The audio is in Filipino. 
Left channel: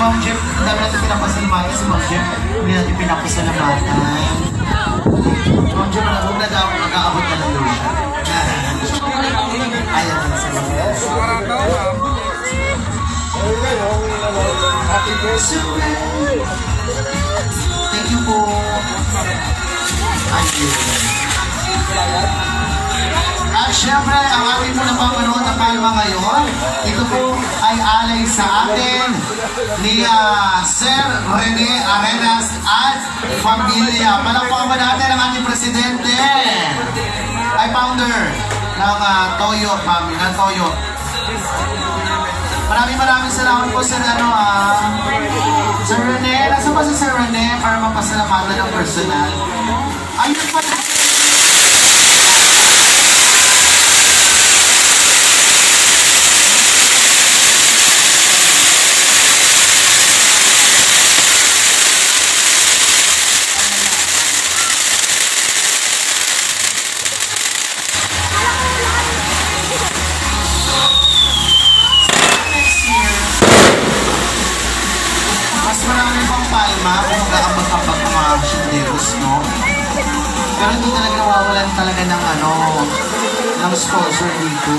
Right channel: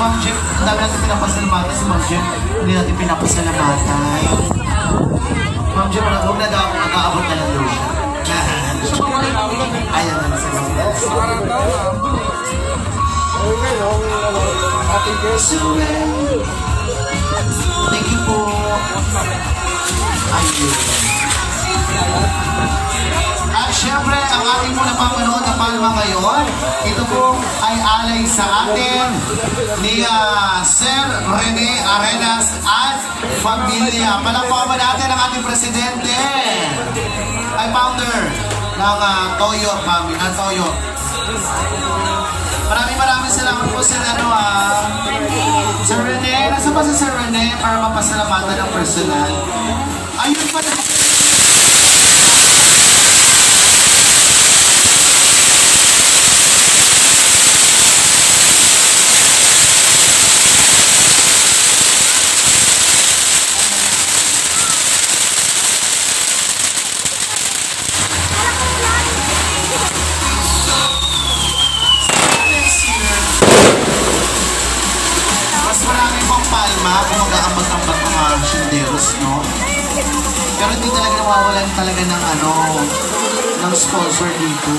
Ma'am Jeff, ang dami natin pinapasalamatan. Si Ma'am Jeff, hindi natin pinapasalamatan. Ma'am Jeff, huwag na daw, mag-aabot na lang daw siya. Ayan lang sa mga. Thank you po. Ayun. At syempre, ang ating muna panganood na palma ngayon, ito po ay alay sa atin ni Sir Rene Arenas at Familia. Palakpakan natin ang ating presidente, ay founder ng Toyo, Mami, ng Toyo. Maraming salamat po sa Sir Rene. Nasa ba si Sir Rene para mapasalamatan ng personal? Ayun pa na. Palma kung mag-aambag-ambag mga shinderos, no? Pero hindi talaga nawawalan talaga ng ng sponsor dito.